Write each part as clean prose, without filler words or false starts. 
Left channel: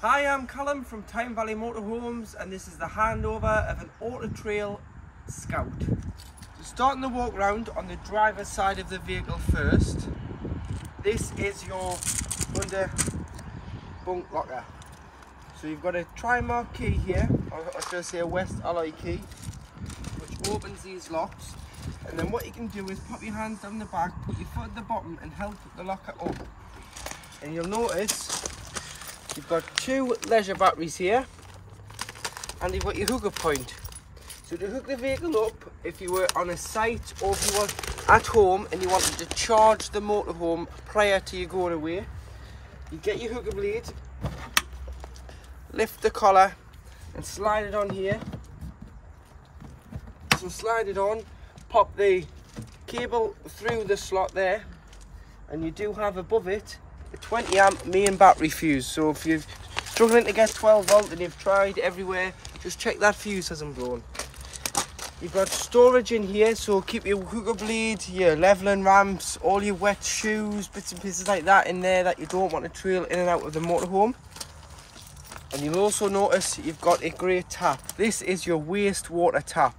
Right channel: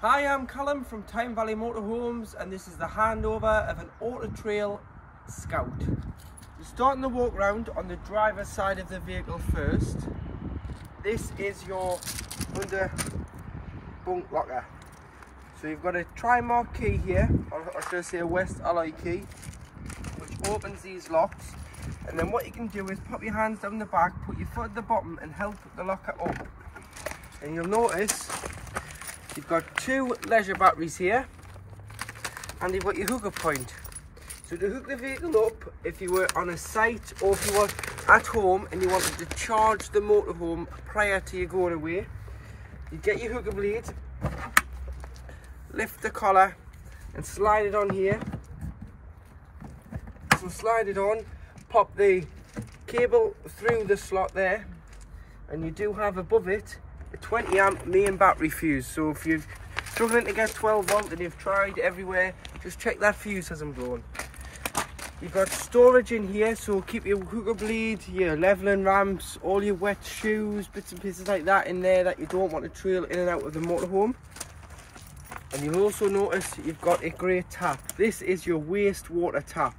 Hi, I'm Callum from Tyne Valley Motorhomes, and this is the handover of an Auto Trail Scout. So starting the walk round on the driver's side of the vehicle first. This is your under bunk locker. So you've got a tri-mark key here, or should I say a West alloy key, which opens these locks. And then what you can do is pop your hands down the back, put your foot at the bottom and help the locker up. And you'll notice you've got two leisure batteries here, and you've got your hooker point. So to hook the vehicle up, if you were on a site or if you were at home and you wanted to charge the motorhome prior to you going away, you get your hooker blade, lift the collar and slide it on here. So slide it on, pop the cable through the slot there, and you do have above it a 20 amp main battery fuse. So if you're struggling to get 12 volt and you've tried everywhere, just check that fuse hasn't blown. You've got storage in here, so keep your hooker blade, your leveling ramps, all your wet shoes, bits and pieces like that in there that you don't want to trail in and out of the motorhome. And you'll also notice you've got a grey tap. This is your wastewater tap,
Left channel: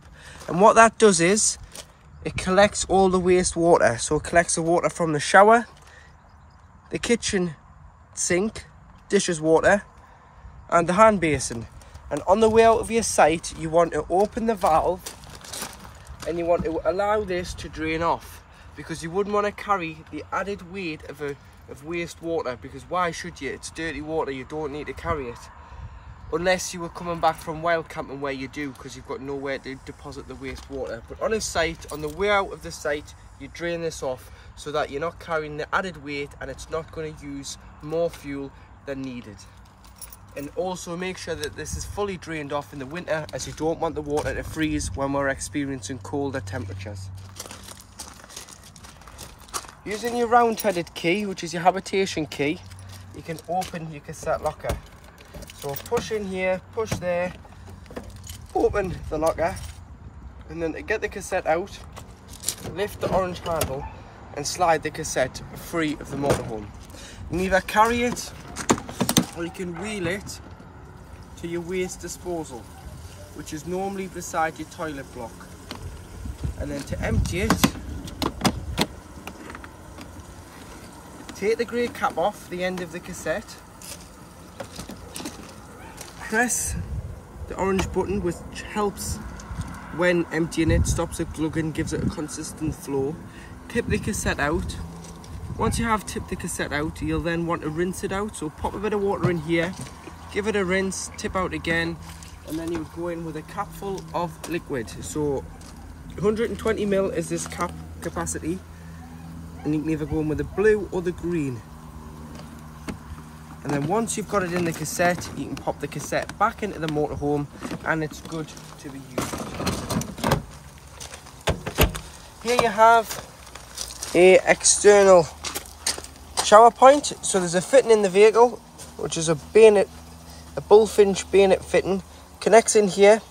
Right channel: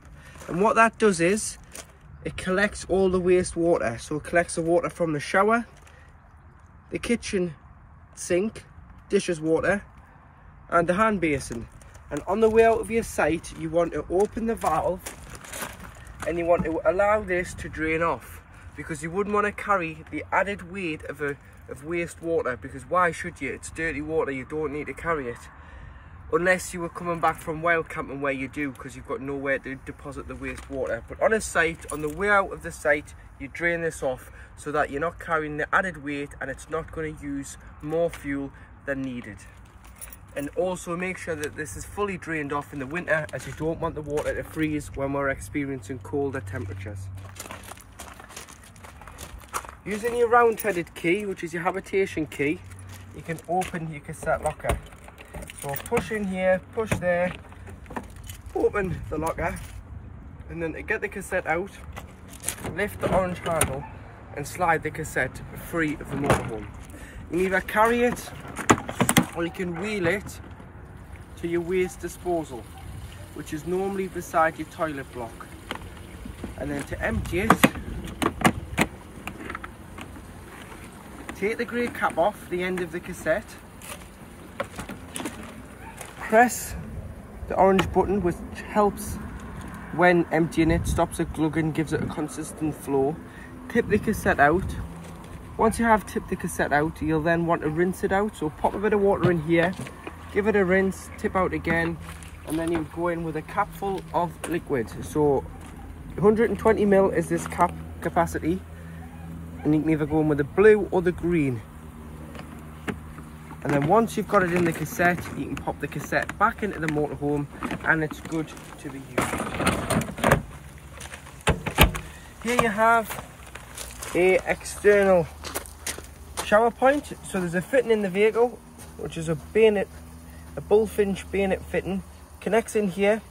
and what that does is it collects all the wastewater. So it collects the water from the shower, the kitchen sink, dishes water, and the hand basin. And on the way out of your site, you want to open the valve and you want to allow this to drain off, because you wouldn't want to carry the added weight of wastewater, because why should you? It's dirty water, you don't need to carry it. Unless you were coming back from wild camping, where you do, because you've got nowhere to deposit the wastewater. But on a site, on the way out of the site, you drain this off so that you're not carrying the added weight and it's not going to use more fuel than needed. And also make sure that this is fully drained off in the winter, as you don't want the water to freeze when we're experiencing colder temperatures. Using your round-headed key, which is your habitation key, you can open your cassette locker. So push in here, push there, open the locker, and then to get the cassette out, lift the orange handle and slide the cassette free of the motorhome. You can either carry it or you can wheel it to your waste disposal, which is normally beside your toilet block. And then to empty it, take the grey cap off the end of the cassette, press the orange button, which helps when emptying it, stops it glugging, gives it a consistent flow. Tip the cassette out. Once you have tipped the cassette out, you'll then want to rinse it out. So pop a bit of water in here, give it a rinse, tip out again, and then you go in with a cap full of liquid. So 120 ml is this cap capacity, and you can either go in with the blue or the green. And then once you've got it in the cassette, you can pop the cassette back into the motorhome and it's good to be used. Here you have a external shower point. So there's a fitting in the vehicle, which is a bayonet, a bullfinch bayonet fitting, connects in here,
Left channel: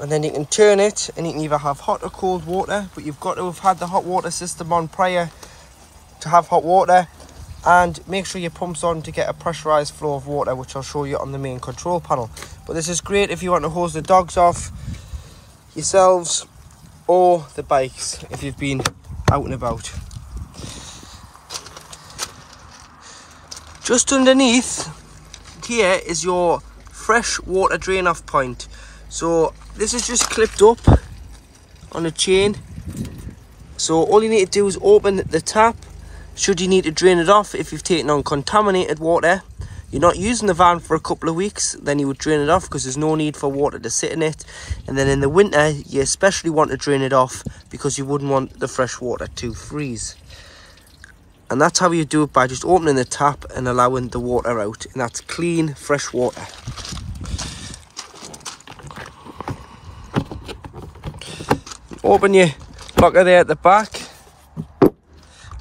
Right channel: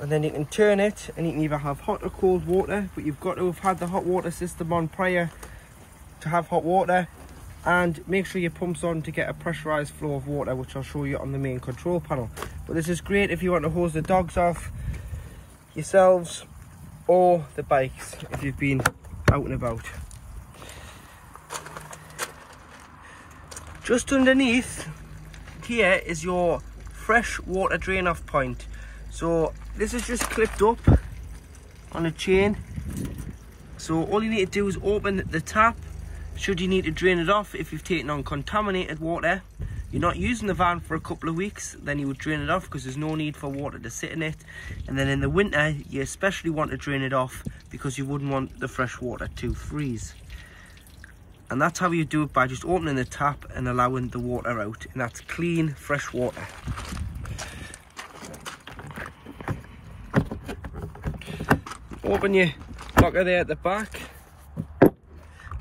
and then you can turn it and you can either have hot or cold water, but you've got to have had the hot water system on prior to have hot water. And make sure your pump's on to get a pressurized flow of water, which I'll show you on the main control panel. But this is great if you want to hose the dogs off, yourselves, or the bikes if you've been out and about. Just underneath here is your fresh water drain off point. So this is just clipped up on a chain. So all you need to do is open the tap. Should you need to drain it off, if you've taken on contaminated water, you're not using the van for a couple of weeks, then you would drain it off, because there's no need for water to sit in it. And then in the winter, you especially want to drain it off, because you wouldn't want the fresh water to freeze. And that's how you do it, by just opening the tap and allowing the water out. And that's clean, fresh water. Open your locker there at the back.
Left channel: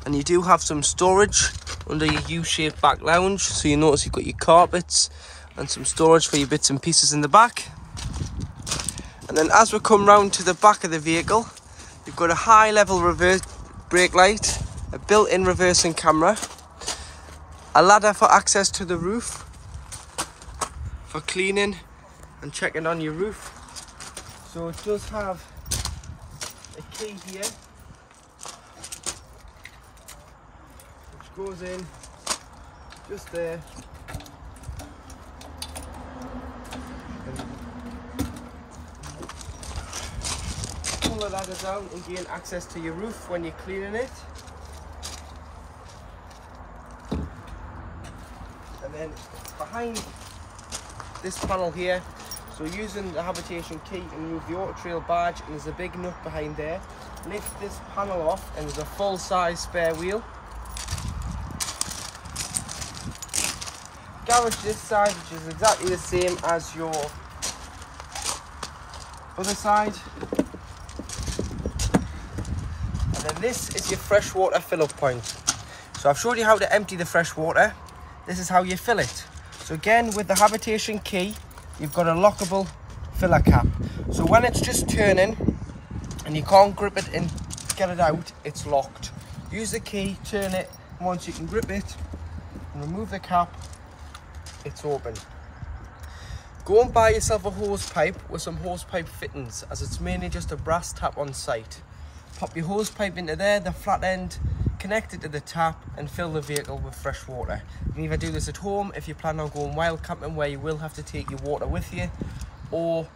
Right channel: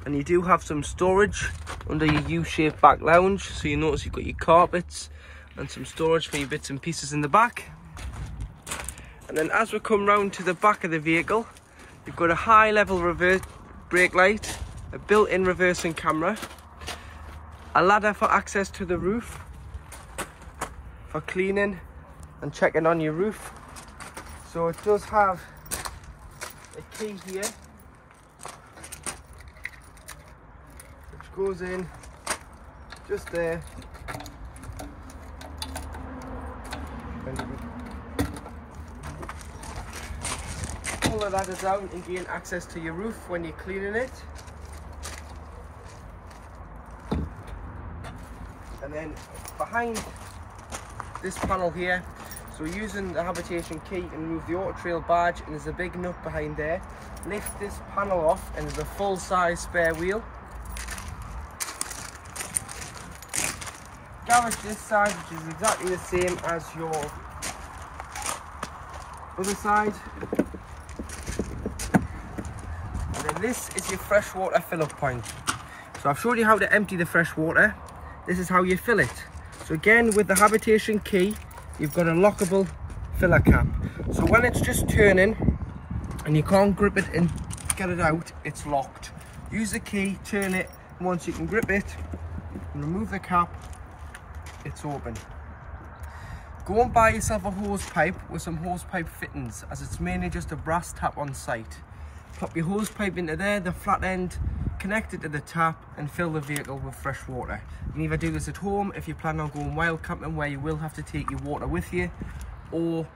And you do have some storage under your U-shaped back lounge. So you notice you've got your carpets and some storage for your bits and pieces in the back. And then as we come round to the back of the vehicle, you've got a high level reverse brake light, a built-in reversing camera, a ladder for access to the roof, for cleaning and checking on your roof. So it does have a key here, which goes in just there. Pull the ladder down and gain access to your roof when you're cleaning it. And then behind this panel here, so using the habitation key and remove the auto trail badge, and there's a big nut behind there. Lift this panel off and there's a full size spare wheel. Garage this side, which is exactly the same as your other side. And then this is your freshwater fill-up point. So I've showed you how to empty the fresh water. This is how you fill it. So again, with the habitation key, you've got a lockable filler cap. So when it's just turning and you can't grip it and get it out, it's locked. Use the key, turn it, and once you can grip it and remove the cap, it's open. Go and buy yourself a hose pipe with some hose pipe fittings, as it's mainly just a brass tap on site. Pop your hose pipe into there, the flat end, connect it to the tap and fill the vehicle with fresh water. You can either do this at home if you plan on going wild camping where you will have to take your water with you, or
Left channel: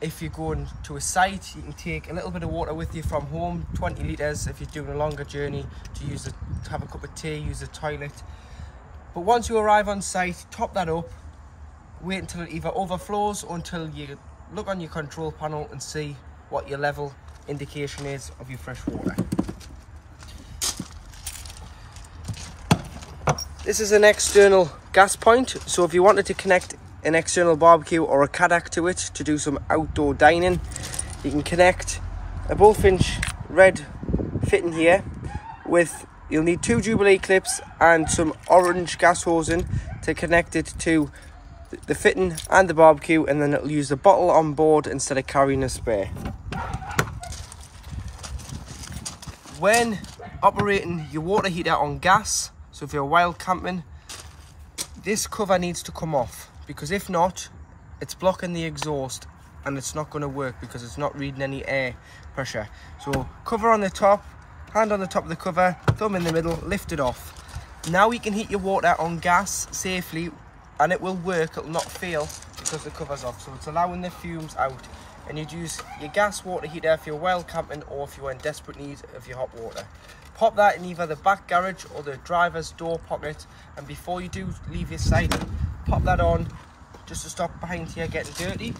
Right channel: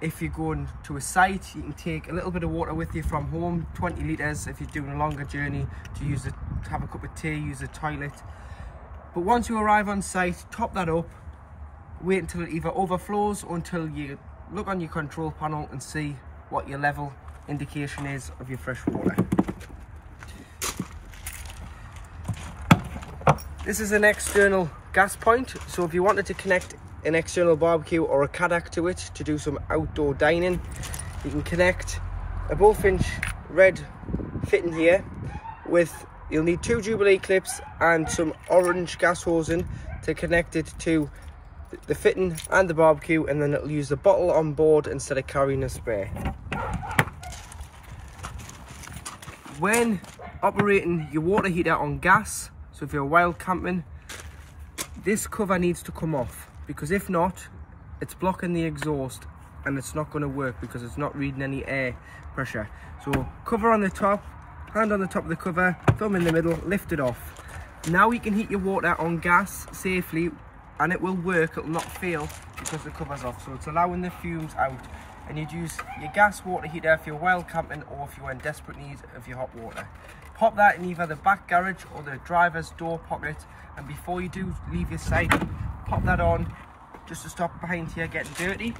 if you're going to a site, you can take a little bit of water with you from home, 20 litres if you're doing a longer journey, to use it to have a cup of tea, use the toilet. But once you arrive on site, top that up, wait until it either overflows or until you look on your control panel and see what your level indication is of your fresh water. This is an external gas point, so if you wanted to connect an external barbecue or a Kadak to it to do some outdoor dining, you can connect a bullfinch red fitting here with, you'll need 2 Jubilee clips and some orange gas hosing to connect it to the fitting and the barbecue, and then it'll use the bottle on board instead of carrying a spare. When operating your water heater on gas, so if you're wild camping, this cover needs to come off, because if not, it's blocking the exhaust and it's not going to work because it's not reading any air pressure. So cover on the top, hand on the top of the cover, thumb in the middle, lift it off. Now you can heat your water on gas safely, and it will work, it'll not fail because the cover's off. So it's allowing the fumes out, and you'd use your gas water heater if you're wild camping or if you're in desperate need of your hot water. Pop that in either the back garage or the driver's door pocket, and before you do leave your site, pop that on just to stop behind here getting dirty.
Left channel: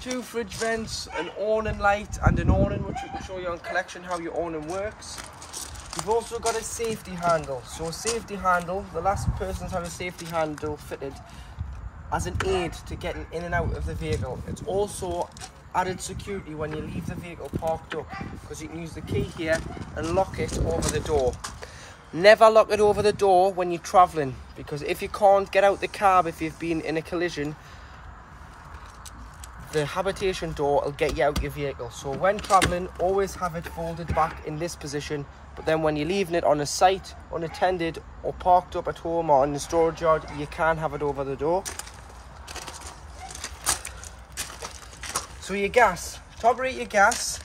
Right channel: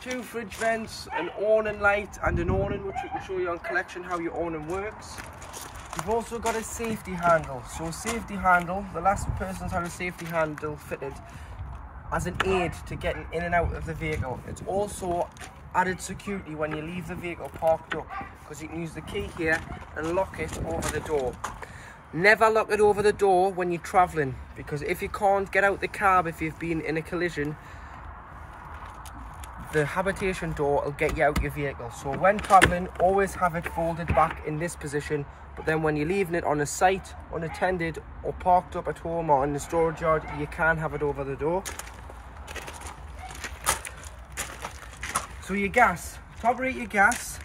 2 fridge vents, an awning light and an awning, which we can show you on collection how your awning works. You've also got a safety handle. So a safety handle, the last person's had a safety handle fitted as an aid to getting in and out of the vehicle. It's also added security when you leave the vehicle parked up, because you can use the key here and lock it over the door. Never lock it over the door when you're traveling, because if you can't get out the cab, if you've been in a collision, the habitation door will get you out your vehicle. So when traveling, always have it folded back in this position, but then when you're leaving it on a site, unattended or parked up at home or in the storage yard, you can have it over the door. So your gas, to operate your gas,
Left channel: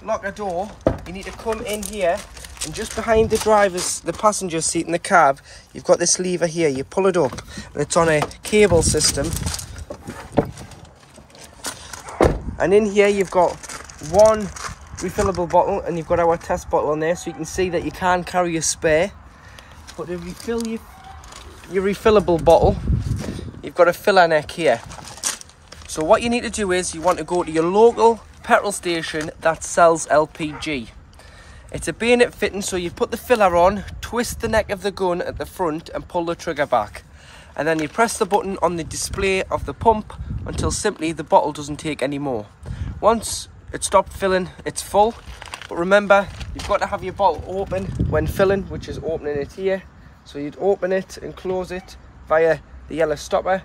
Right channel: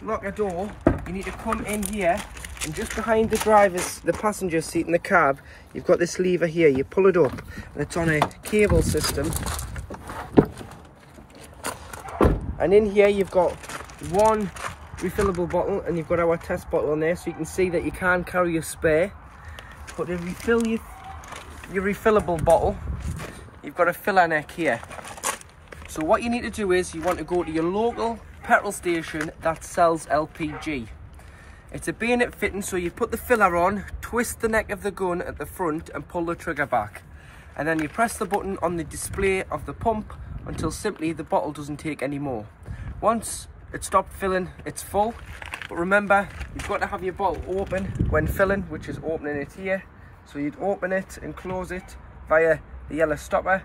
lock a door, you need to come in here, and just behind the passenger seat in the cab, you've got this lever here. You pull it up and it's on a cable system, and in here you've got 1 refillable bottle, and you've got our test bottle on there, so you can see that you can carry a spare. But to refill your refillable bottle, you've got a filler neck here. So what you need to do is you want to go to your local petrol station that sells LPG. It's a bayonet fitting, so you put the filler on, twist the neck of the gun at the front and pull the trigger back. And then you press the button on the display of the pump until simply the bottle doesn't take any more. Once it stopped filling, it's full. But remember, you've got to have your bottle open when filling, which is opening it here. So you'd open it and close it via the yellow stopper,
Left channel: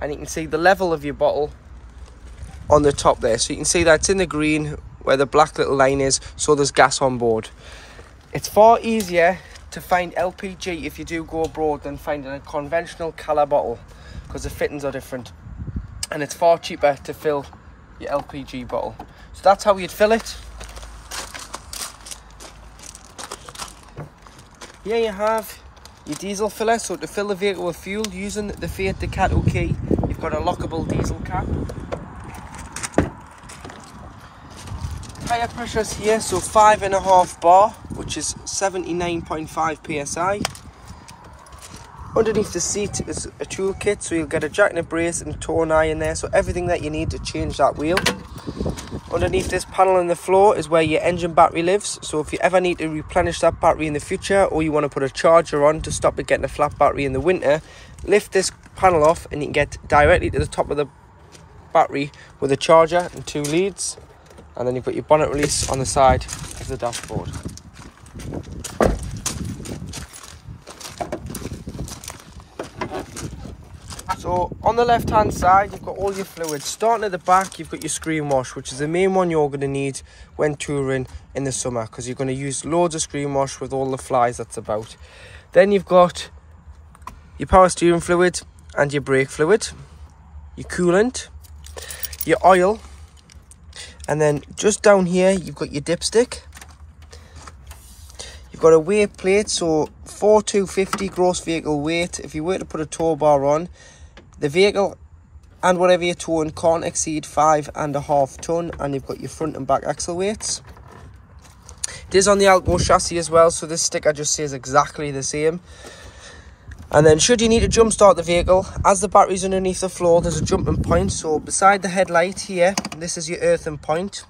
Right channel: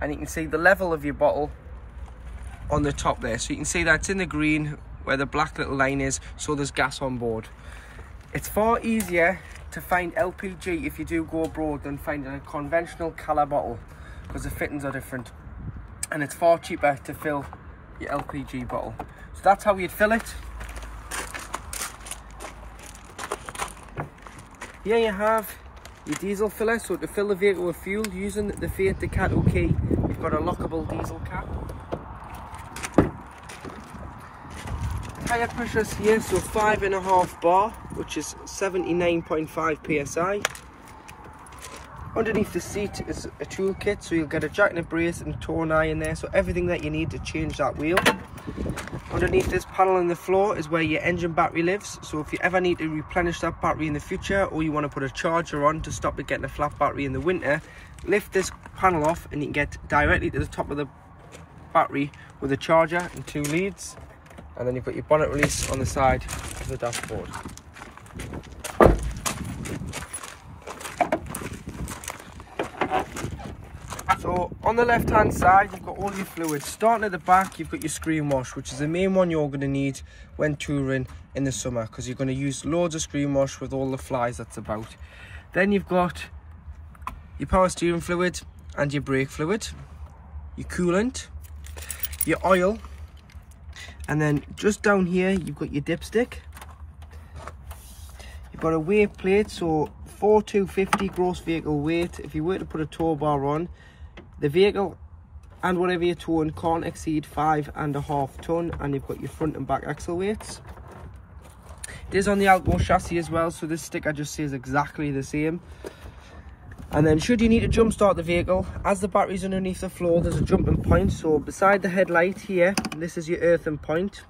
and you can see the level of your bottle on the top there. So you can see that it's in the green where the black little line is, so there's gas on board. It's far easier to find LPG if you do go abroad than finding a conventional colour bottle. because the fittings are different, and it's far cheaper to fill your LPG bottle. So that's how you'd fill it. Here you have your diesel filler. So to fill the vehicle with fuel using the Fiat Ducato key, you've got a lockable diesel cap. Tire pressures here, so 5.5 bar, which is 79.5 psi. Underneath the seat is a toolkit, so you'll get a jack and a brace and a torn iron there, so everything that you need to change that wheel. Underneath this panel on the floor is where your engine battery lives, so if you ever need to replenish that battery in the future, or you want to put a charger on to stop it getting a flat battery in the winter, lift this panel off and you can get directly to the top of the battery with a charger and 2 leads. And then you've got your bonnet release on the side of the dashboard. So on the left hand side, you've got all your fluids. Starting at the back, you've got your screen wash, which is the main one you're going to need when touring in the summer, because you're going to use loads of screen wash with all the flies that's about. Then you've got your power steering fluid and your brake fluid, your coolant, your oil, and then just down here you've got your dipstick. You've got a weight plate, so 4,250 gross vehicle weight. If you were to put a tow bar on, the vehicle and whatever you're towing can't exceed 5.5 ton, and you've got your front and back axle weights. It is on the Alco chassis as well, so this sticker just says exactly the same. And then should you need to jump start the vehicle, as the battery's underneath the floor, there's a jumping point. So beside the headlight here, this is your earthing point.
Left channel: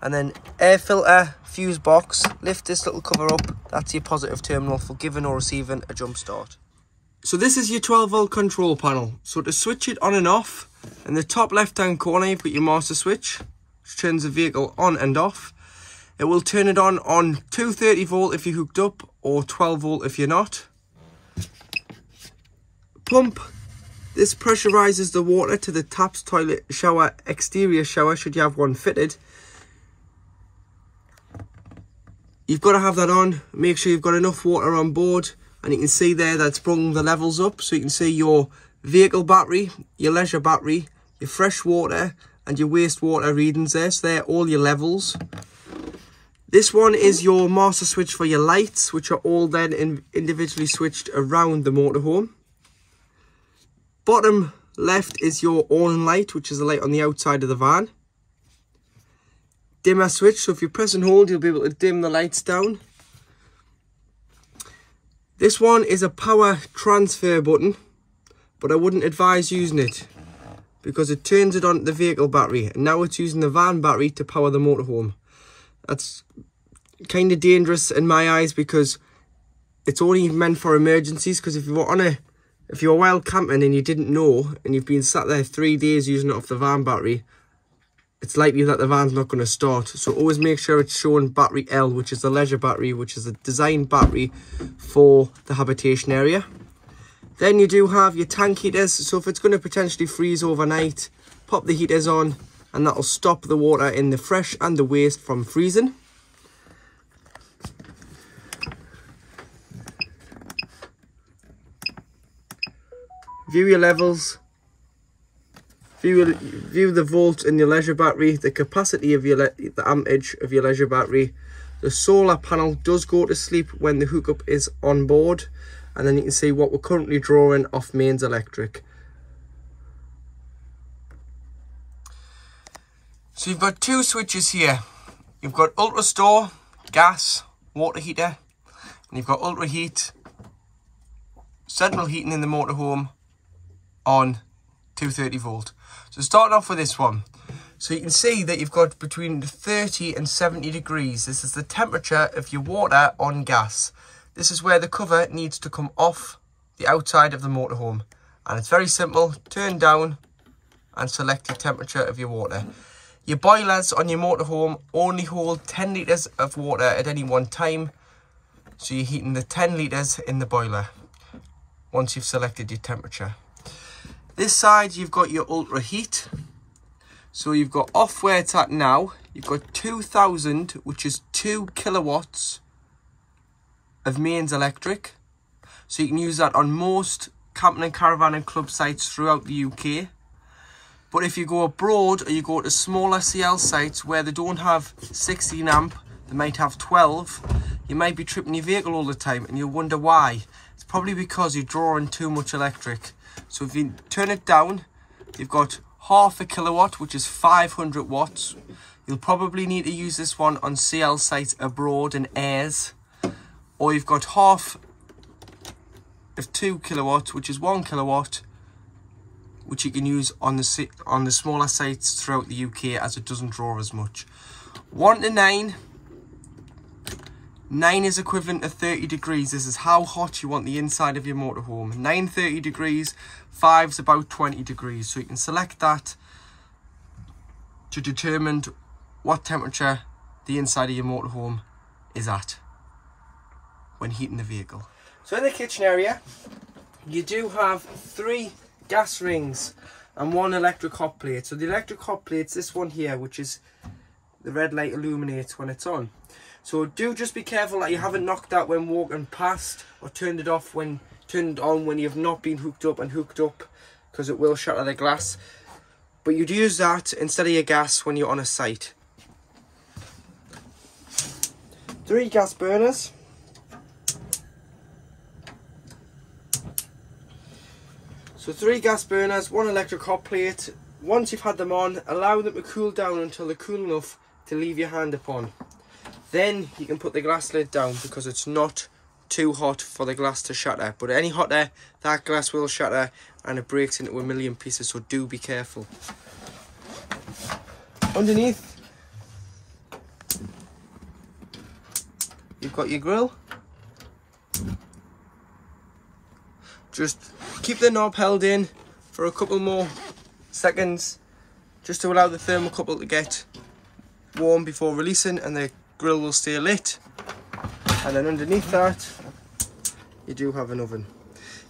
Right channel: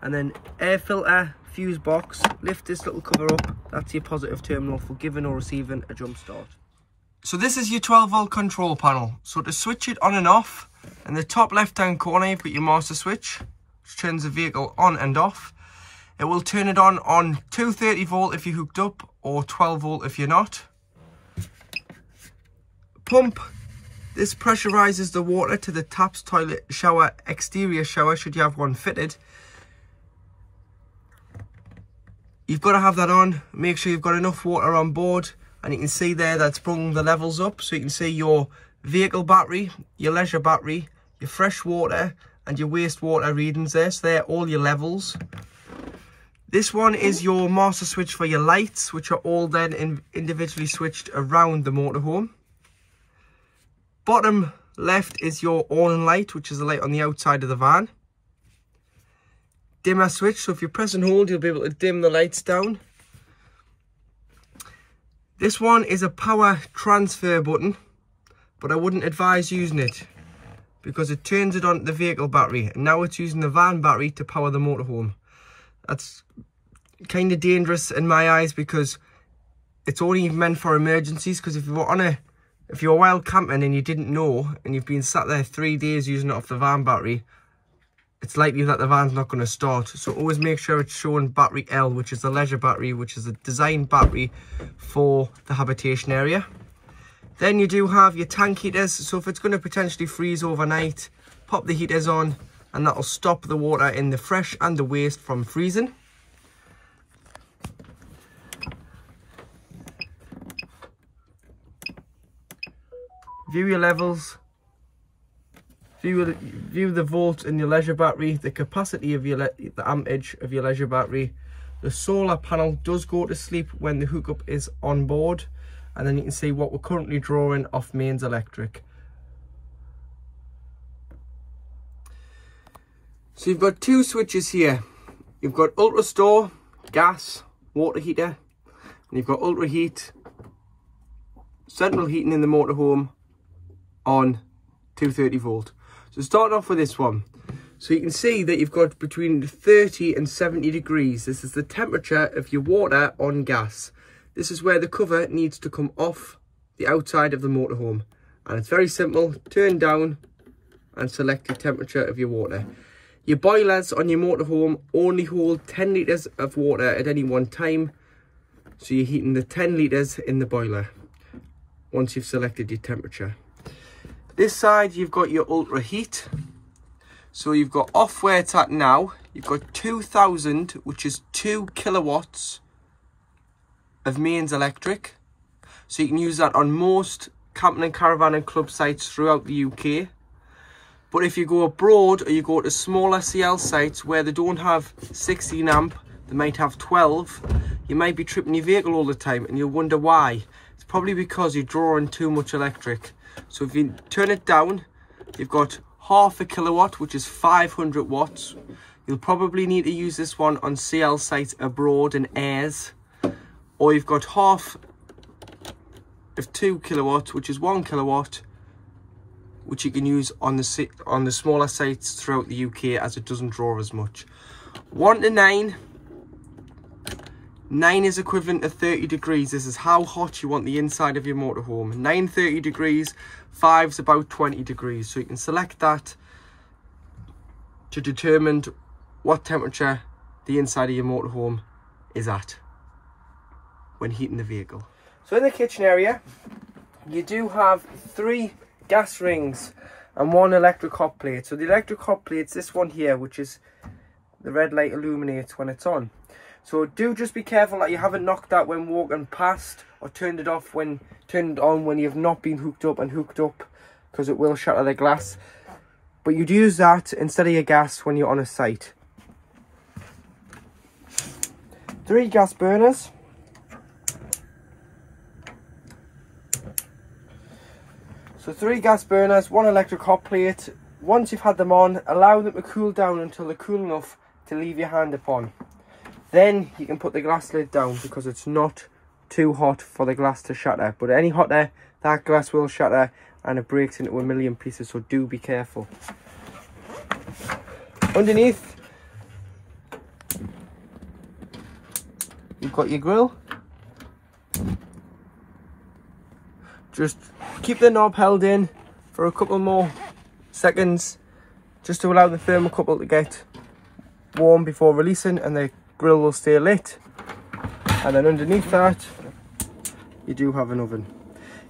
And then air filter, fuse box, lift this little cover up, that's your positive terminal for giving or receiving a jump start. So this is your 12 volt control panel. So to switch it on and off, in the top left hand corner you've got your master switch, which turns the vehicle on and off. It will turn it on 230 volt if you're hooked up, or 12 volt if you're not. Pump, this pressurizes the water to the taps, toilet, shower, exterior shower, should you have one fitted. You've got to have that on, make sure you've got enough water on board, and you can see there that's brought the levels up, so you can see your vehicle battery, your leisure battery, your fresh water and your wastewater readings there, so they're all your levels. This one is your master switch for your lights, which are all then individually switched around the motorhome. Bottom left is your awning light, which is the light on the outside of the van. Dimmer switch, so if you press and hold, you'll be able to dim the lights down. This one is a power transfer button, but I wouldn't advise using it because it turns it on the vehicle battery, and now it's using the van battery to power the motorhome. That's kind of dangerous in my eyes, because it's only meant for emergencies. Because if you were wild camping and you didn't know, and you've been sat there 3 days using it off the van battery, it's likely that the van's not going to start. So always make sure it's showing battery L, which is the leisure battery, which is a designed battery for the habitation area. Then you do have your tank heaters, so if it's going to potentially freeze overnight, pop the heaters on and that'll stop the water in the fresh and the waste from freezing. View your levels, view the volt in your leisure battery, the capacity of the ampage of your leisure battery. The solar panel does go to sleep when the hookup is on board, and then you can see what we're currently drawing off mains electric. So you've got two switches here. You've got ultra store, gas, water heater, and you've got ultra heat, central heating in the motorhome on 230 volt. So starting off with this one, so you can see that you've got between 30 and 70 degrees. This is the temperature of your water on gas. This is where the cover needs to come off the outside of the motorhome, and it's very simple. Turn down and select the temperature of your water. Your boilers on your motorhome only hold 10 litres of water at any one time, so you're heating the 10 litres in the boiler once you've selected your temperature. This side you've got your ultra heat, so you've got off where it's at now, you've got 2000, which is 2 kilowatts of mains electric, so you can use that on most camping and caravan and club sites throughout the UK. But if you go abroad or you go to smaller CL sites where they don't have 16 amp, they might have 12, you might be tripping your vehicle all the time and you'll wonder why. It's probably because you're drawing too much electric. So if you turn it down, you've got half a kilowatt, which is 500 watts. You'll probably need to use this one on CL sites abroad and airs. Or you've got half of 2 kilowatts, which is 1 kilowatt, which you can use on the smaller sites throughout the UK as it doesn't draw as much. 1 to 9. 9 is equivalent to 30 degrees. This is how hot you want the inside of your motorhome. 9, 30 degrees. 5's about 20 degrees. So you can select that to determine what temperature the inside of your motorhome is at when heating the vehicle. So in the kitchen area, you do have 3 gas rings and 1 electric hot plate. So the electric hot plate's this one here, which is the red light illuminates when it's on. So do just be careful that you haven't knocked that when walking past, or turned it on when you've not been hooked up, because it will shatter the glass. But you'd use that instead of your gas when you're on a site. 3 gas burners. So 3 gas burners, 1 electric hot plate. Once you've had them on, allow them to cool down until they're cool enough to leave your hand upon. Then you can put the glass lid down because it's not too hot for the glass to shatter. But any hotter, that glass will shatter and it breaks into a million pieces, so do be careful. Underneath, you've got your grill. Just keep the knob held in for a couple more seconds just to allow the thermocouple to get warm before releasing, and the grill will stay lit. And then underneath that you do have an oven.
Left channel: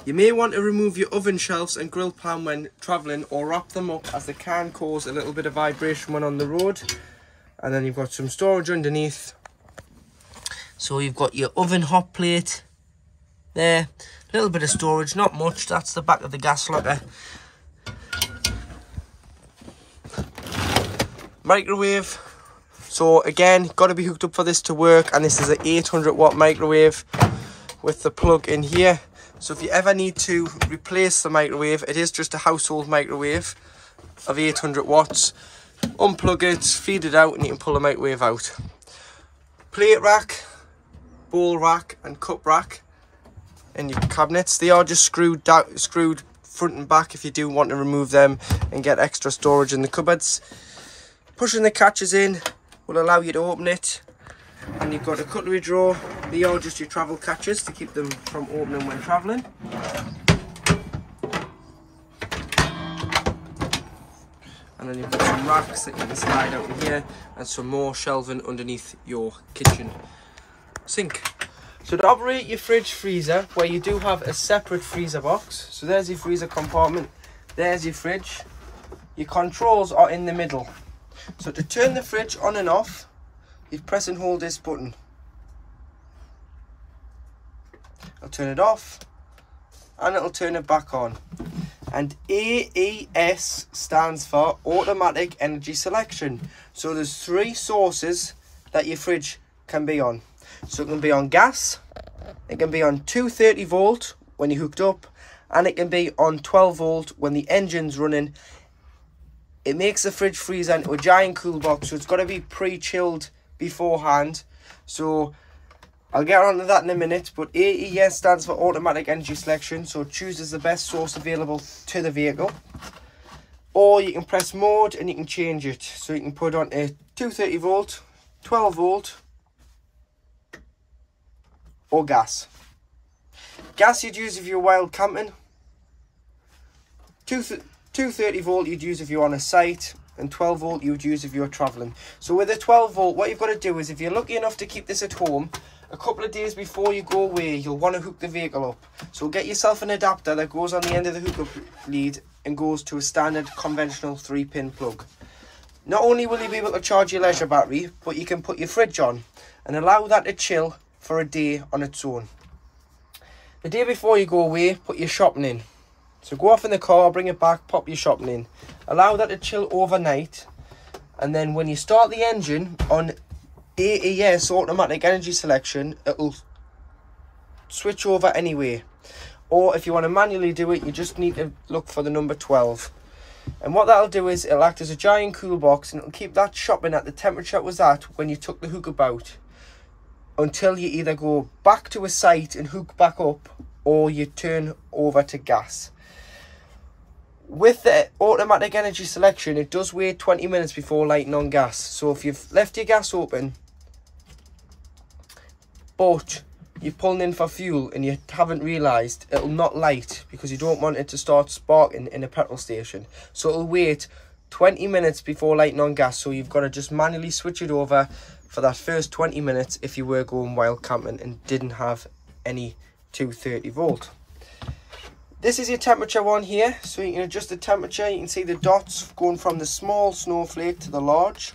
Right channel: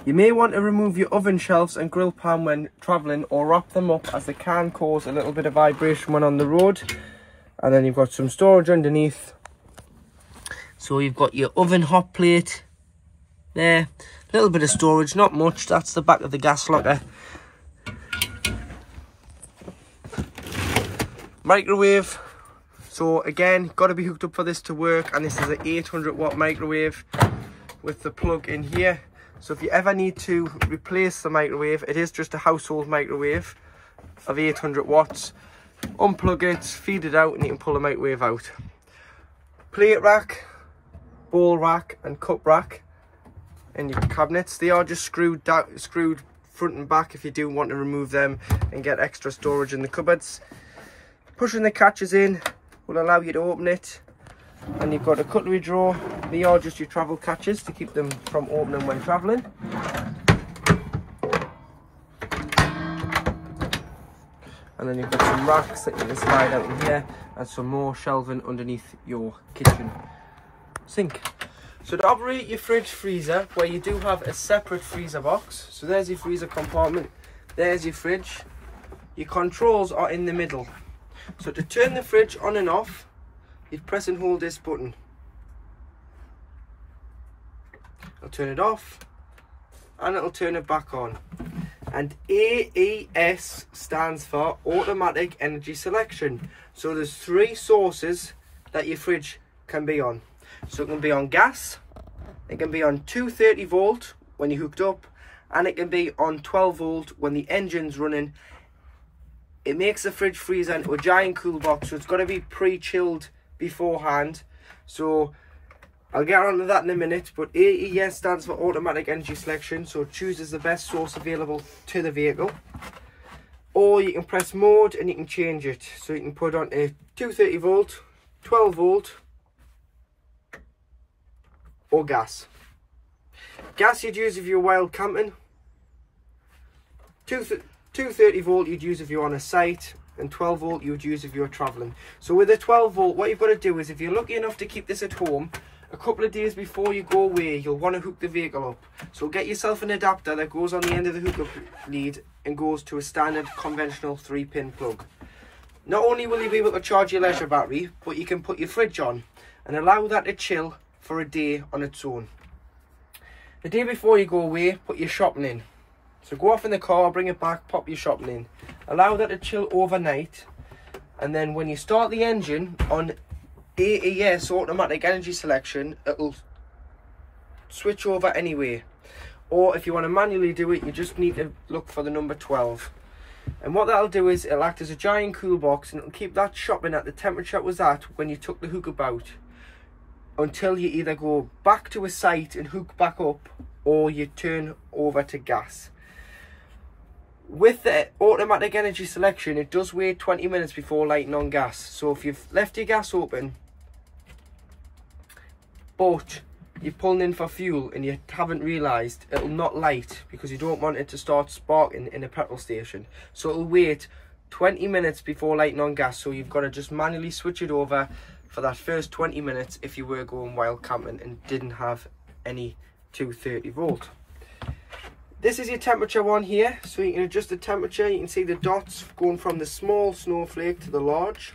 You may want to remove your oven shelves and grill pan when travelling, or wrap them up, as they can cause a little bit of vibration when on the road. And then you've got some storage underneath. So you've got your oven hot plate there, a little bit of storage, not much. That's the back of the gas locker. Microwave. So again, got to be hooked up for this to work, and this is an 800 watt microwave with the plug in here. So if you ever need to replace the microwave, it is just a household microwave of 800 watts. Unplug it, feed it out, and you can pull the microwave out. Plate rack, bowl rack and cup rack in your cabinets. They are just screwed front and back if you do want to remove them and get extra storage in the cupboards. Pushing the catches in will allow you to open it. And you've got a cutlery drawer. They are just your travel catches to keep them from opening when travelling. And then you've got some racks that you can slide out in here, and some more shelving underneath your kitchen sink. So to operate your fridge freezer, where you do have a separate freezer box, so there's your freezer compartment, there's your fridge. Your controls are in the middle. So to turn the fridge on and off, you press and hold this button. I'll turn it off and it'll turn it back on. And AES stands for Automatic Energy Selection. So there's 3 sources that your fridge can be on. So it can be on gas, it can be on 230 volt when you're hooked up, and it can be on 12 volt when the engine's running. It makes the fridge freezer into a giant cool box, so it's got to be pre-chilled beforehand. So I'll get on to that in a minute, but AES stands for Automatic Energy Selection, so it chooses the best source available to the vehicle. Or you can press mode and you can change it, so you can put on a 230 volt, 12 volt or gas. Gas you'd use if you're wild camping. 230 volt you'd use if you're on a site, and 12 volt you'd use if you're travelling. So with a 12 volt, what you've got to do is, if you're lucky enough to keep this at home, a couple of days before you go away, you'll want to hook the vehicle up. So get yourself an adapter that goes on the end of the hookup lead and goes to a standard conventional 3-pin plug. Not only will you be able to charge your leisure battery, but you can put your fridge on and allow that to chill for a day on its own. The day before you go away, put your shopping in. So go off in the car, bring it back, pop your shopping in. Allow that to chill overnight. And then when you start the engine on AES, automatic energy selection, it'll switch over anyway. Or if you want to manually do it, you just need to look for the number 12. And what that'll do is it'll act as a giant cool box, and it'll keep that shopping at the temperature it was at when you took the hookup out, until you either go back to a site and hook back up, or you turn over to gas. With the automatic energy selection, it does wait 20 minutes before lighting on gas. So if you've left your gas open, but you're pulling in for fuel and you haven't realised, it'll not light because you don't want it to start sparking in a petrol station. So it'll wait 20 minutes before lighting on gas. So you've got to just manually switch it over for that first 20 minutes if you were going wild camping and didn't have any 230 volt. This is your temperature one here, so you can adjust the temperature. You can see the dots going from the small snowflake to the large.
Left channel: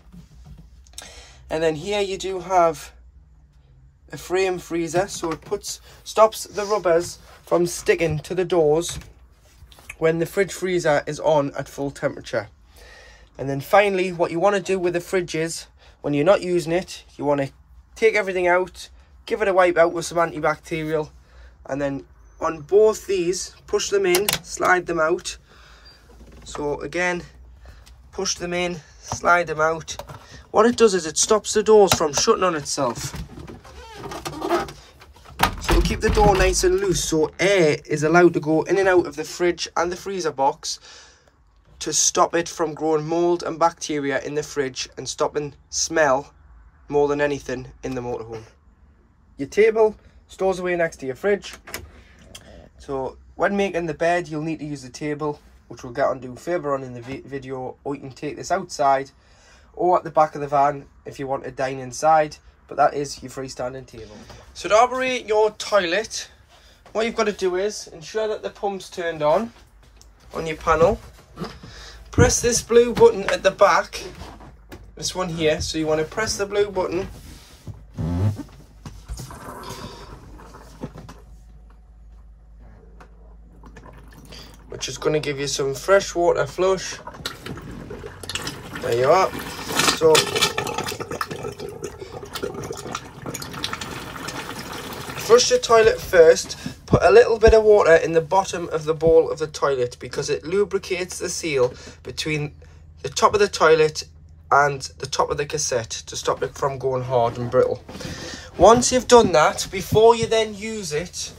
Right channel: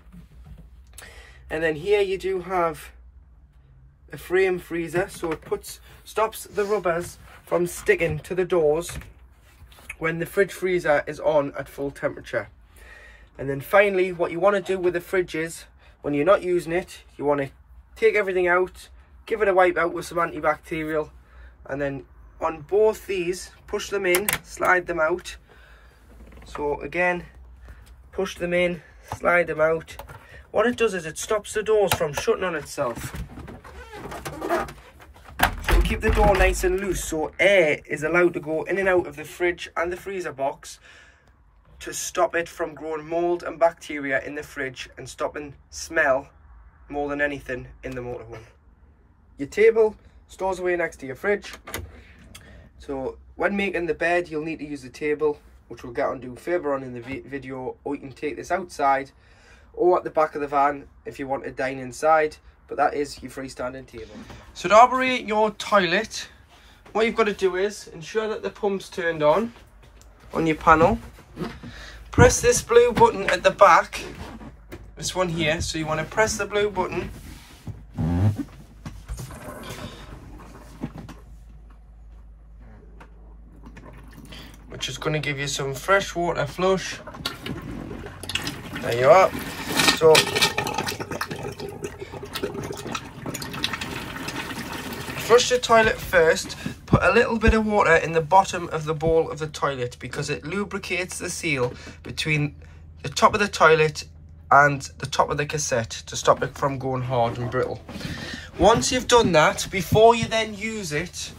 And then here you do have a frame freezer, so it stops the rubbers from sticking to the doors when the fridge freezer is on at full temperature. And then finally, what you want to do with the fridge is, when you're not using it, you want to take everything out, give it a wipe out with some antibacterial, and then on both these, push them in, slide them out. So again, push them in, slide them out. What it does is it stops the doors from shutting on itself. So it'll keep the door nice and loose, so air is allowed to go in and out of the fridge and the freezer box to stop it from growing mold and bacteria in the fridge and stopping smell more than anything in the motorhome. Your table stores away next to your fridge. So when making the bed, you'll need to use the table, which we'll get onto further on in the video, or you can take this outside or at the back of the van if you want to dine inside, but that is your freestanding table. So to operate your toilet, what you've got to do is ensure that the pump's turned on your panel. Press this blue button at the back, this one here, so you want to press the blue button. Which is going to give you some fresh water flush. There you are. So flush the toilet first. Put a little bit of water in the bottom of the bowl of the toilet because it lubricates the seal between the top of the toilet and the top of the cassette to stop it from going hard and brittle. Once you've done that, before you then use it,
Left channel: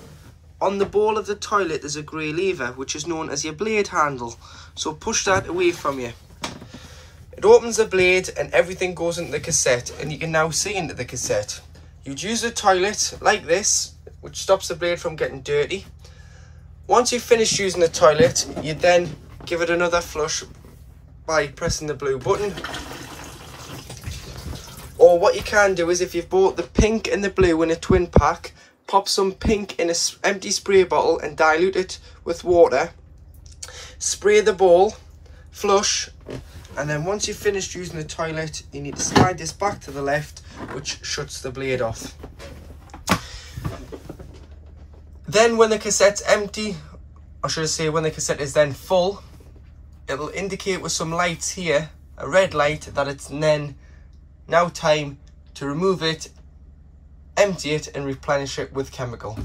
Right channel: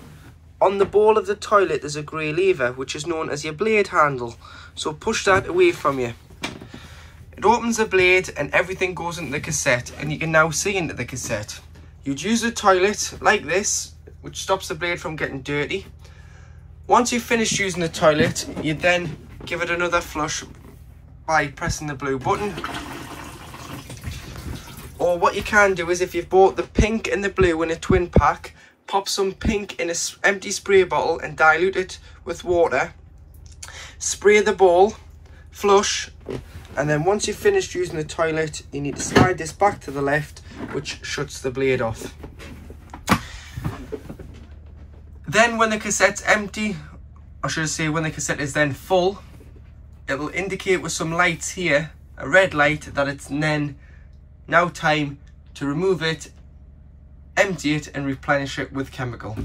on the bowl of the toilet there's a grey lever which is known as your blade handle, so push that away from you. It opens the blade and everything goes into the cassette, and you can now see into the cassette. You'd use the toilet like this, which stops the blade from getting dirty. Once you've finished using the toilet, you then give it another flush by pressing the blue button. Or what you can do is, if you've bought the pink and the blue in a twin pack, pop some pink in an empty spray bottle and dilute it with water. Spray the bowl, flush, and then once you've finished using the toilet, you need to slide this back to the left, which shuts the blade off. Then when the cassette's empty, or should I say when the cassette is then full, it'll indicate with some lights here, a red light, that it's then now time to remove it, empty it and replenish it with chemical.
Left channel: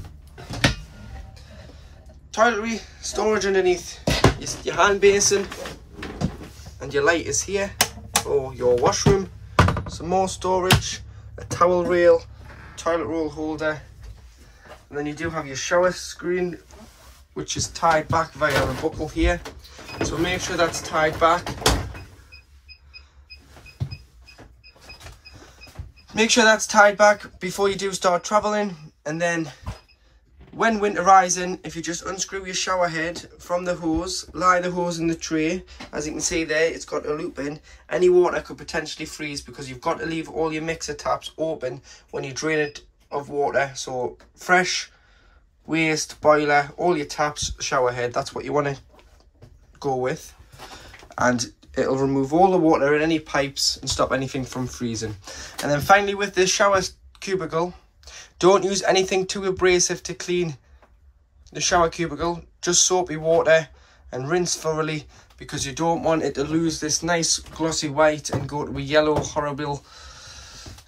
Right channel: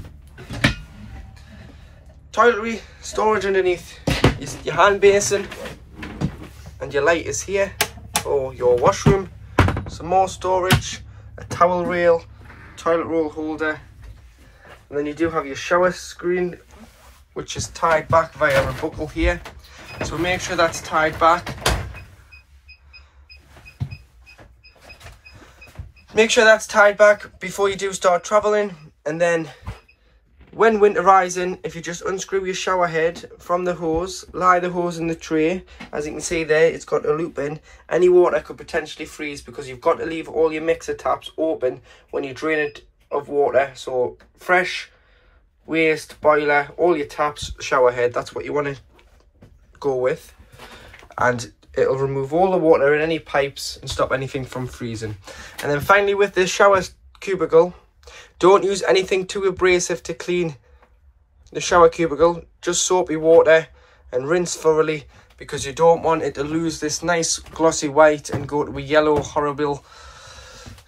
Toiletry storage underneath your hand basin, and your light is here for your washroom. Some more storage, a towel rail, toilet roll holder, and then you do have your shower screen, which is tied back via a buckle here, so make sure that's tied back. Make sure that's tied back before you do start traveling. And then when winterizing, if you just unscrew your shower head from the hose, lie the hose in the tray, as you can see there, it's got a loop in. Any water could potentially freeze because you've got to leave all your mixer taps open when you drain it of water. So fresh, waste, boiler, all your taps, shower head, that's what you want to go with. And it'll remove all the water in any pipes and stop anything from freezing. And then finally, with this shower cubicle, don't use anything too abrasive to clean the shower cubicle, just soapy water and rinse thoroughly, because you don't want it to lose this nice glossy white and go to a yellow horrible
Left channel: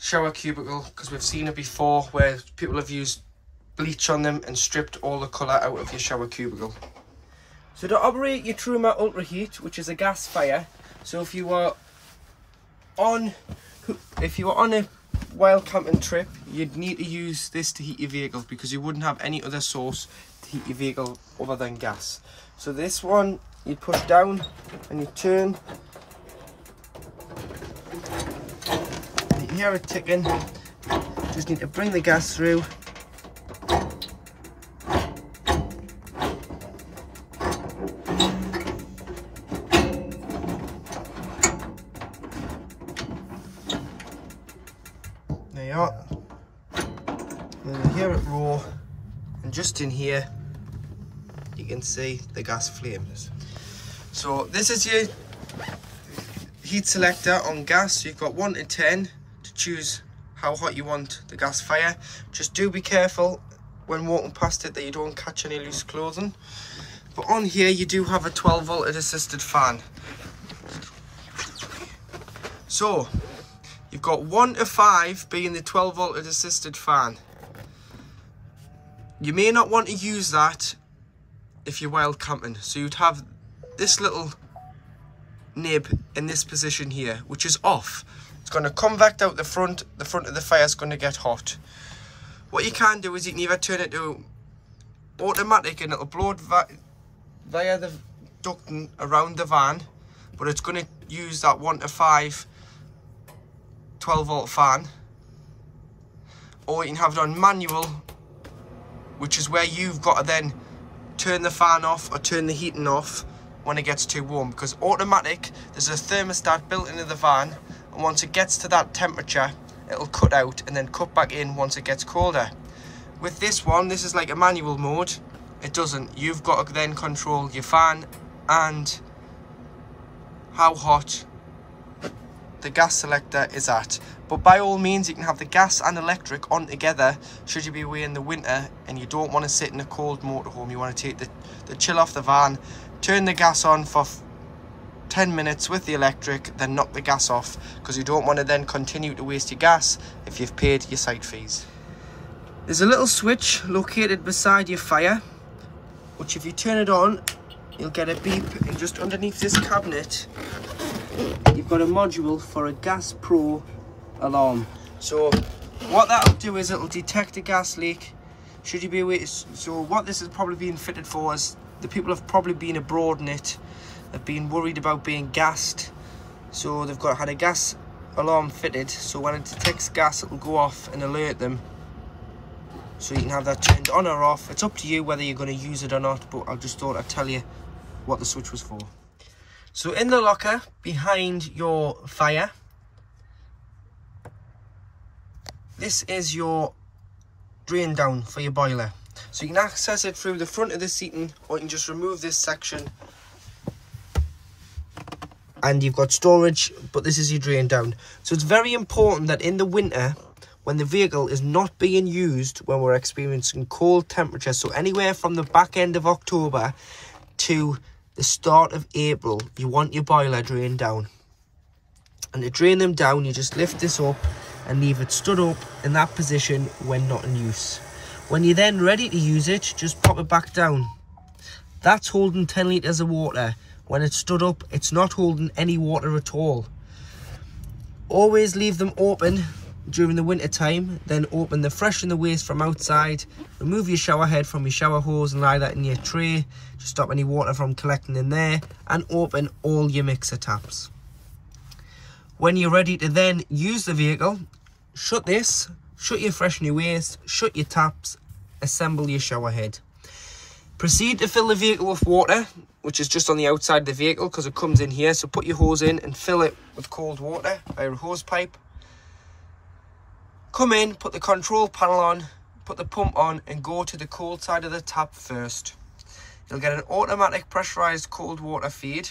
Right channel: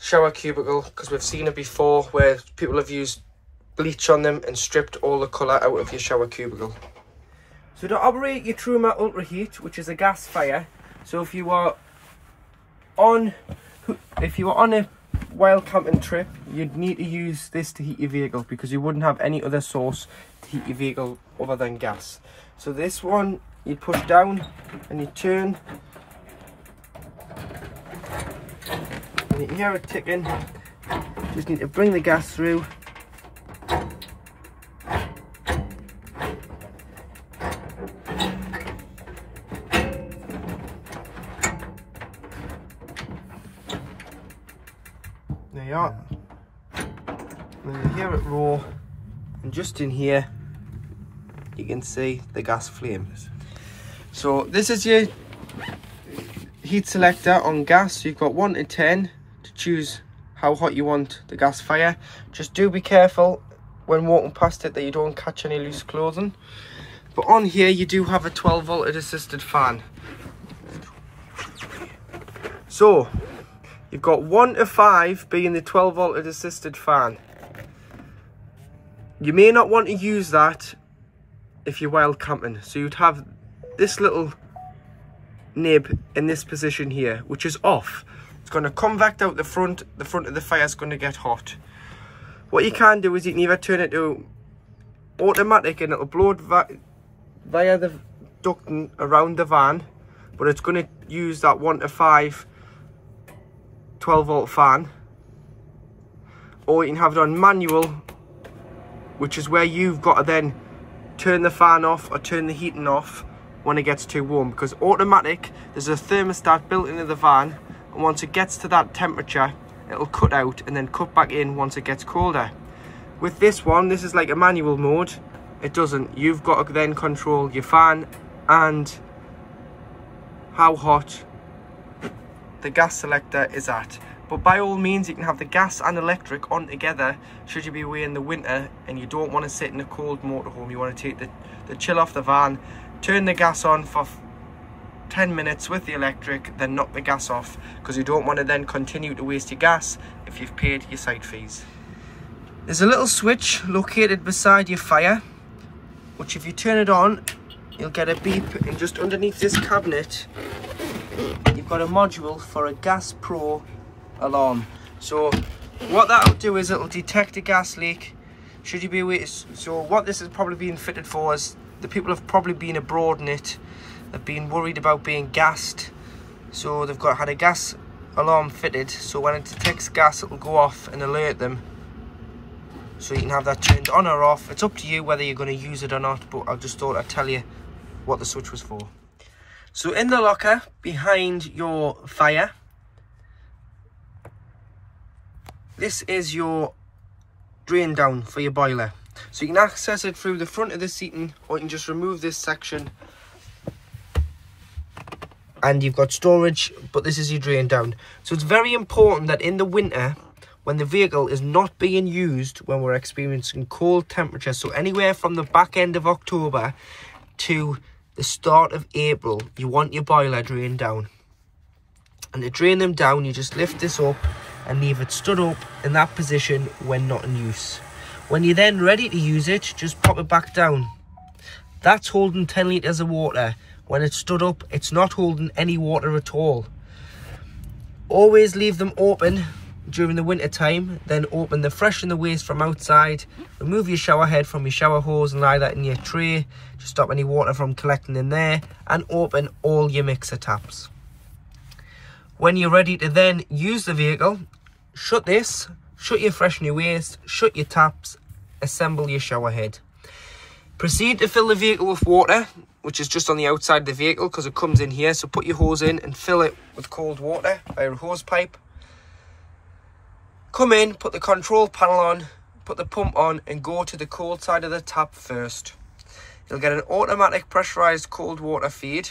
shower cubicle, because we've seen it before where people have used bleach on them and stripped all the colour out of your shower cubicle. So to operate your Truma Ultra Heat, which is a gas fire, so if you are on a wild camping trip, you'd need to use this to heat your vehicle, because you wouldn't have any other source to heat your vehicle other than gas. So this one, you push down and you turn, and you can hear it ticking. Just need to bring the gas through. There you are. And you hear it roar, and just in here you can see the gas flames. So this is your heat selector on gas. So you've got 1 to 10 to choose how hot you want the gas fire. Just do be careful when walking past it that you don't catch any loose clothing. But on here you do have a 12 volt assisted fan. So you've got 1 to 5 being the 12 volt assisted fan. You may not want to use that if you're wild camping. So you'd have this little nib in this position here, which is off. It's going to convect out the front of the fire is going to get hot. What you can do is you can either turn it to automatic and it'll blow it via the ducting around the van, but it's going to use that 1 to 5 12 volt fan. Or you can have it on manual, which is where you've got to then turn the fan off or turn the heating off when it gets too warm, because automatic, there's a thermostat built into the van, and once it gets to that temperature it'll cut out and then cut back in once it gets colder. With this one, this is like a manual mode. It doesn't. You've got to then control your fan and how hot the gas selector is at. But by all means, you can have the gas and electric on together should you be away in the winter and you don't want to sit in a cold motorhome. You want to take the chill off the van, turn the gas on for 10 minutes with the electric, then knock the gas off, because you don't want to then continue to waste your gas if you've paid your site fees. There's a little switch located beside your fire, which if you turn it on, you'll get a beep. And just underneath this cabinet, you've got a module for a Gas Pro alarm. So what that'll do is it'll detect a gas leak should you be away. So what this is probably being fitted for is the people have probably been abroad in it. They've been worried about being gassed, so they've had a gas alarm fitted, so when it detects gas it will go off and alert them, so you can have that turned on or off. It's up to you whether you're going to use it or not, but I just thought I'd tell you what the switch was for. So in the locker behind your fire, this is your drain down for your boiler. So you can access it through the front of the seating, or you can just remove this section and you've got storage, but this is your drain down. So it's very important that in the winter, when the vehicle is not being used, when we're experiencing cold temperatures, so anywhere from the back end of October to the start of April, you want your boiler drained down. And to drain them down, you just lift this up and leave it stood up in that position when not in use. When you're then ready to use it, just pop it back down. That's holding 10 litres of water. When it's stood up, it's not holding any water at all. Always leave them open during the winter time, then open the fresh and the waste from outside. Remove your shower head from your shower hose and lie that in your tray to stop any water from collecting in there, and open all your mixer taps. When you're ready to then use the vehicle, shut this, shut your fresh and your waste, shut your taps, assemble your shower head. Proceed to fill the vehicle with water, which is just on the outside of the vehicle because it comes in here. So put your hose in and fill it with cold water via a hose pipe. Come in, put the control panel on, put the pump on and go to the cold side of the tap first. You'll get an automatic pressurized cold water feed,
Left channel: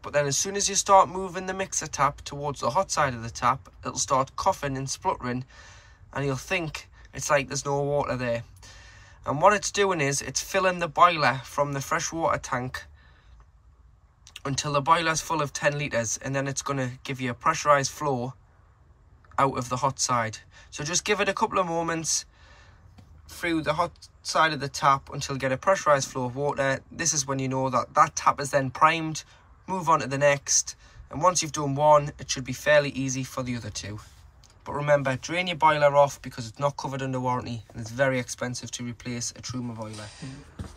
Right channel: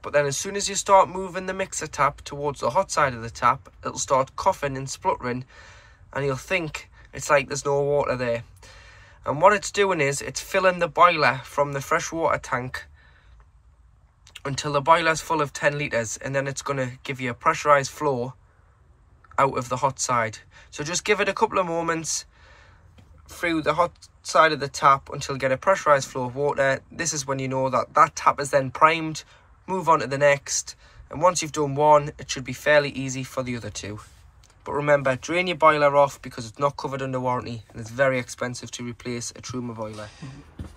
but then as soon as you start moving the mixer tap towards the hot side of the tap, it'll start coughing and spluttering and you'll think it's like there's no water there. And what it's doing is it's filling the boiler from the freshwater tank until the boiler's full of 10 litres, and then it's going to give you a pressurised flow out of the hot side. So just give it a couple of moments through the hot side of the tap until you get a pressurised flow of water. This is when you know that that tap is then primed. Move on to the next, and once you've done one, it should be fairly easy for the other two. But remember, drain your boiler off because it's not covered under warranty and it's very expensive to replace a Truma boiler.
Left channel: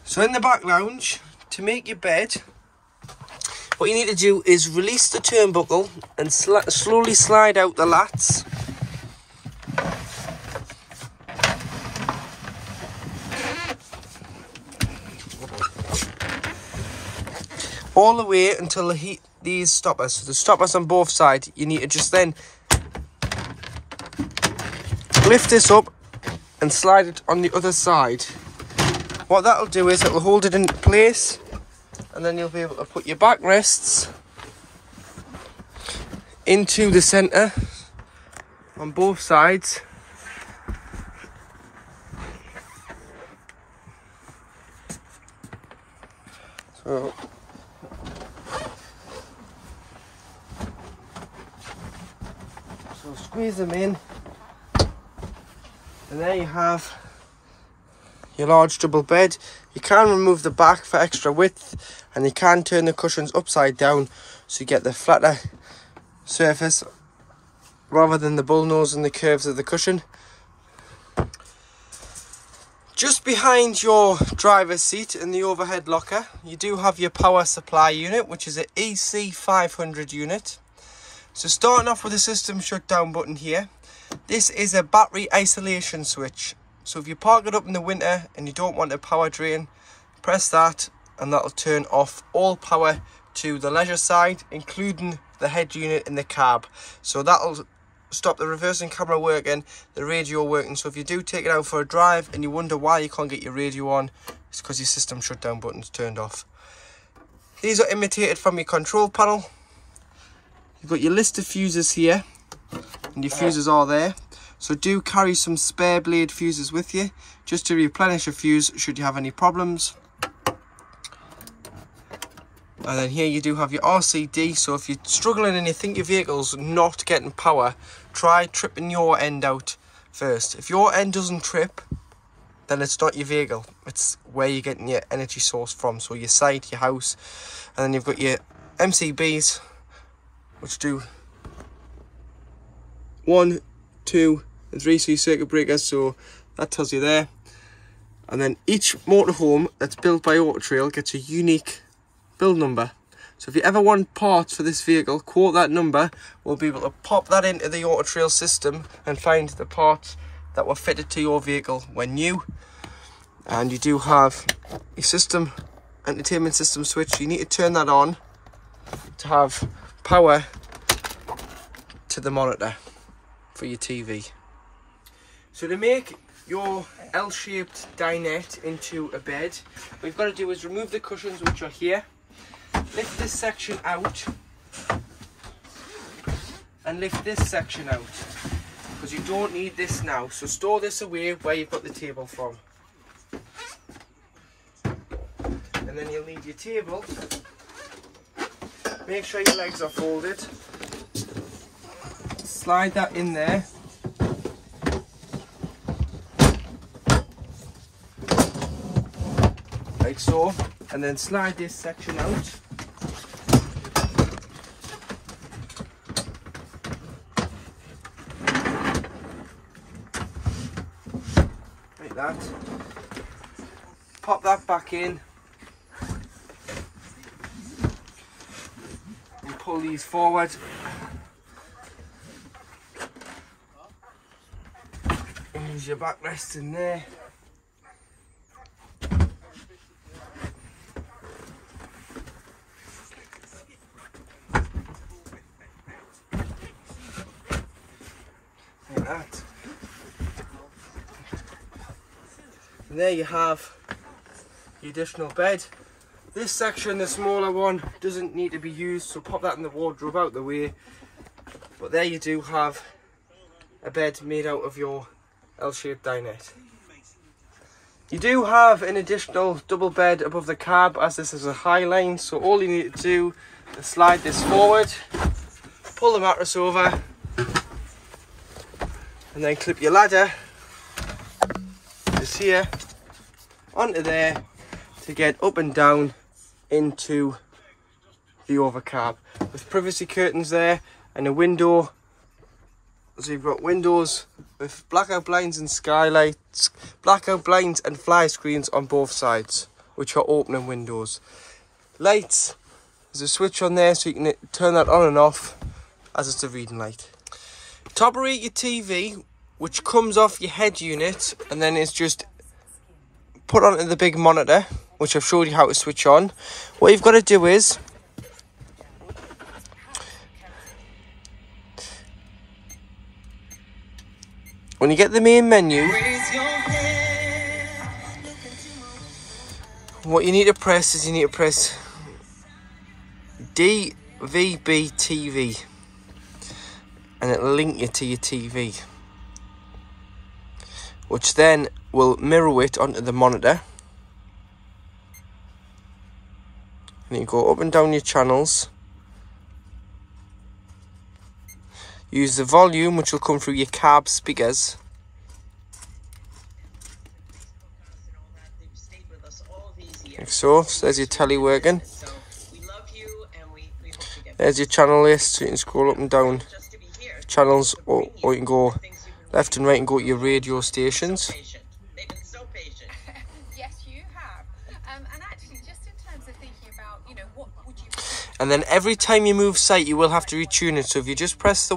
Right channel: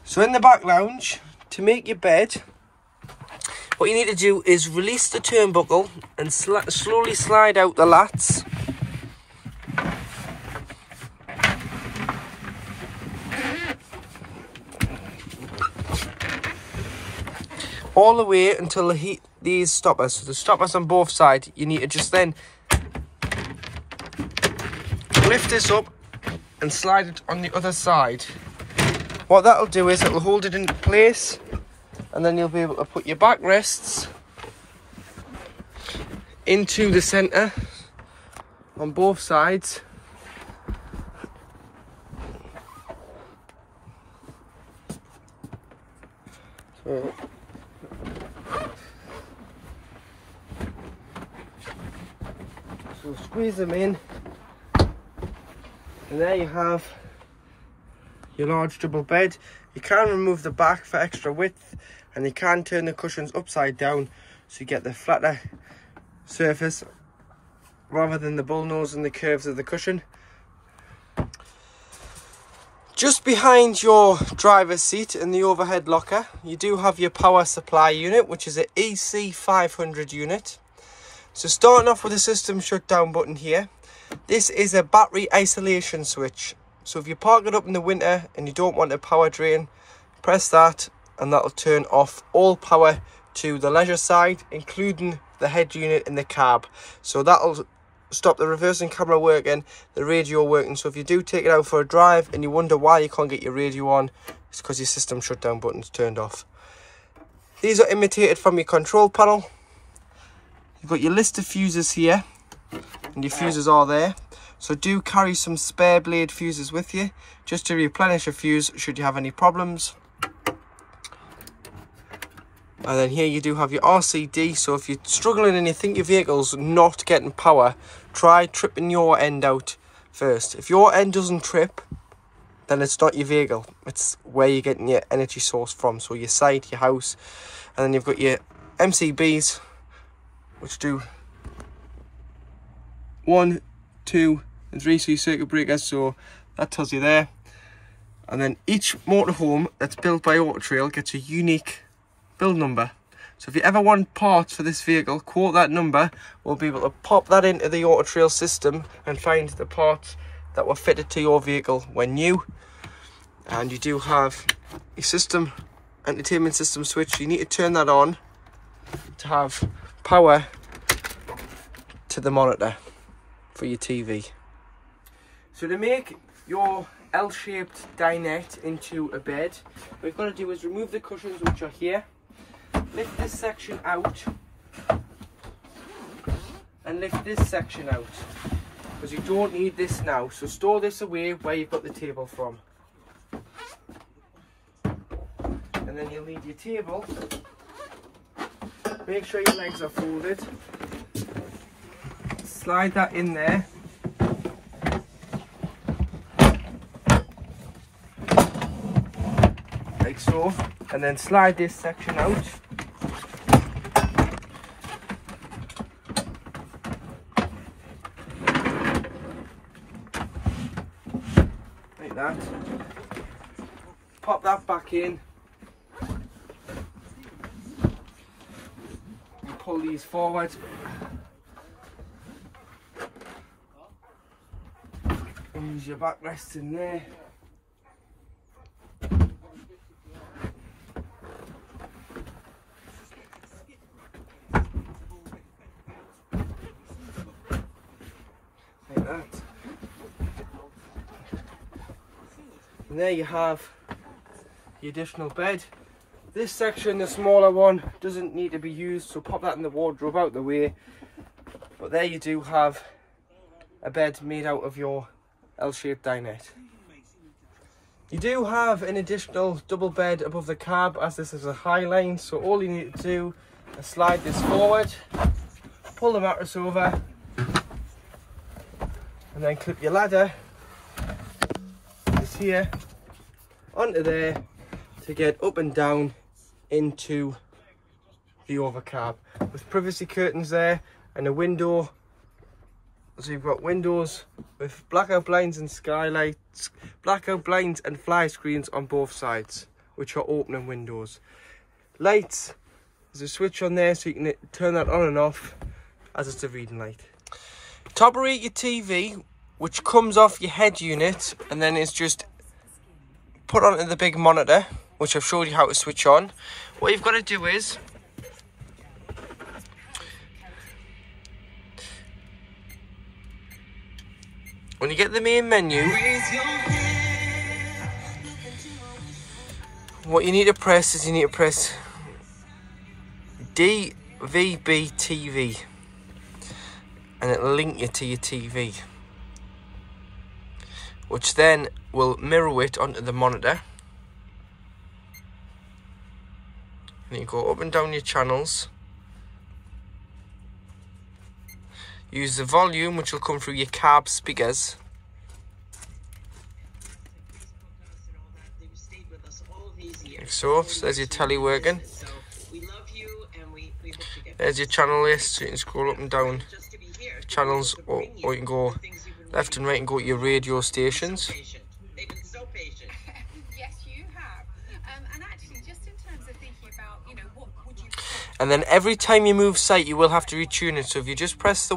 So in the back lounge, to make your bed, what you need to do is release the turnbuckle and slowly slide out the lats. All the way until these stoppers. So the stoppers on both sides, you need to just then lift this up and slide it on the other side. What that'll do is it'll hold it in place, and then you'll be able to put your backrests into the centre on both sides. So squeeze them in, and there you have your large double bed. You can remove the back for extra width, and you can turn the cushions upside down so you get the flatter surface rather than the bullnose and the curves of the cushion. Just behind your driver's seat in the overhead locker, you do have your power supply unit, which is an EC500 unit. So starting off with the system shutdown button here, this is a battery isolation switch. So if you park it up in the winter and you don't want a power drain, press that and that'll turn off all power to the leisure side, including the head unit in the cab. So that'll stop the reversing camera working, the radio working. So if you do take it out for a drive and you wonder why you can't get your radio on, it's because your system shutdown button's turned off. These are imitated from your control panel. You've got your list of fuses here, and your fuses are there. So do carry some spare blade fuses with you, just to replenish a fuse should you have any problems. And then here you do have your RCD, so if you're struggling and you think your vehicle's not getting power, try tripping your end out first. If your end doesn't trip, then it's not your vehicle, it's where you're getting your energy source from. So your site, your house, and then you've got your MCBs, which do 1, 2 and 3 C circuit breakers, so that tells you there. And then each motorhome that's built by Auto Trail gets a unique build number. So if you ever want parts for this vehicle, quote that number. We'll be able to pop that into the Auto Trail system and find the parts that were fitted to your vehicle when new. And you do have a system, entertainment system switch. You need to turn that on to have power to the monitor for your TV. So to make your L-shaped dinette into a bed, what you've got to do is remove the cushions, which are here, lift this section out and lift this section out, because you don't need this now. So store this away where you've got the table from, and then you'll need your table. Make sure your legs are folded. Slide that in there. Like so. And then slide this section out. Like that. Pop that back in. And pull these forward. And use your backrest in there. Like that. And there you have the additional bed. This section, the smaller one, doesn't need to be used, so pop that in the wardrobe out the way. But there you do have a bed made out of your L-shaped dinette. You do have an additional double bed above the cab, as this is a high line, so all you need to do is slide this forward, pull the mattress over, and then clip your ladder just here onto there to get up and down into the overcab, with privacy curtains there and a window. So you've got windows with blackout blinds and skylights, blackout blinds and fly screens on both sides, which are opening windows. Lights, there's a switch on there so you can turn that on and off as it's a reading light. Top rate your TV, which comes off your head unit and then is just put onto the big monitor, which I've showed you how to switch on. What you've got to do is when you get the main menu, what you need to press is DVB TV, and it'll link you to your TV, which then will mirror it onto the monitor. And you go up and down your channels. Use the volume, which will come through your cab speakers. Like so, there's your telly working. There's your channel list, so you can scroll up and down channels, or you can go left and right and go to your radio stations. And then every time you move site, you will have to retune it. So if you just press the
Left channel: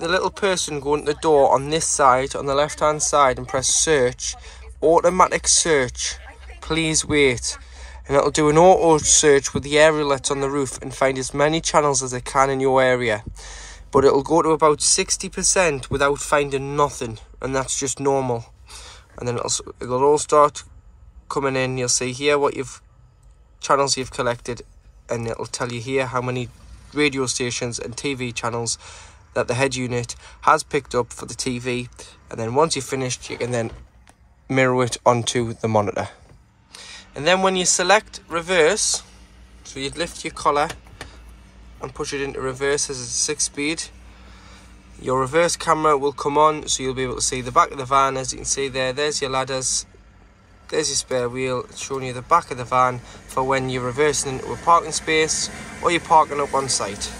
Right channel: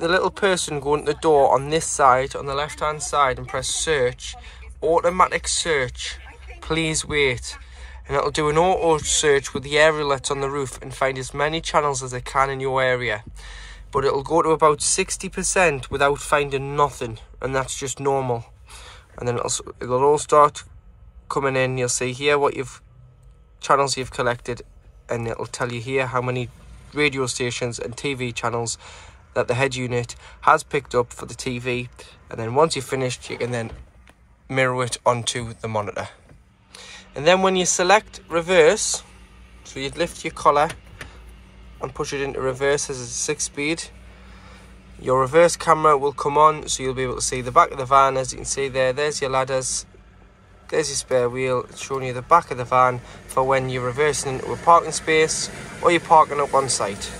little person going to the door on this side, on the left hand side, and press search, automatic search, please wait. And it'll do an auto search with the aerial that's on the roof and find as many channels as it can in your area. But it'll go to about 60% without finding nothing, and that's just normal. And then it'll all start coming in. You'll see here what channels you've collected, and it'll tell you here how many radio stations and TV channels that the head unit has picked up for the TV. And then once you've finished, you can then mirror it onto the monitor. And then when you select reverse, so you'd lift your collar and push it into reverse as it's 6-speed, your reverse camera will come on, so you'll be able to see the back of the van. As you can see there's your ladders, there's your spare wheel. It's showing you the back of the van for when you're reversing into a parking space or you're parking up on site.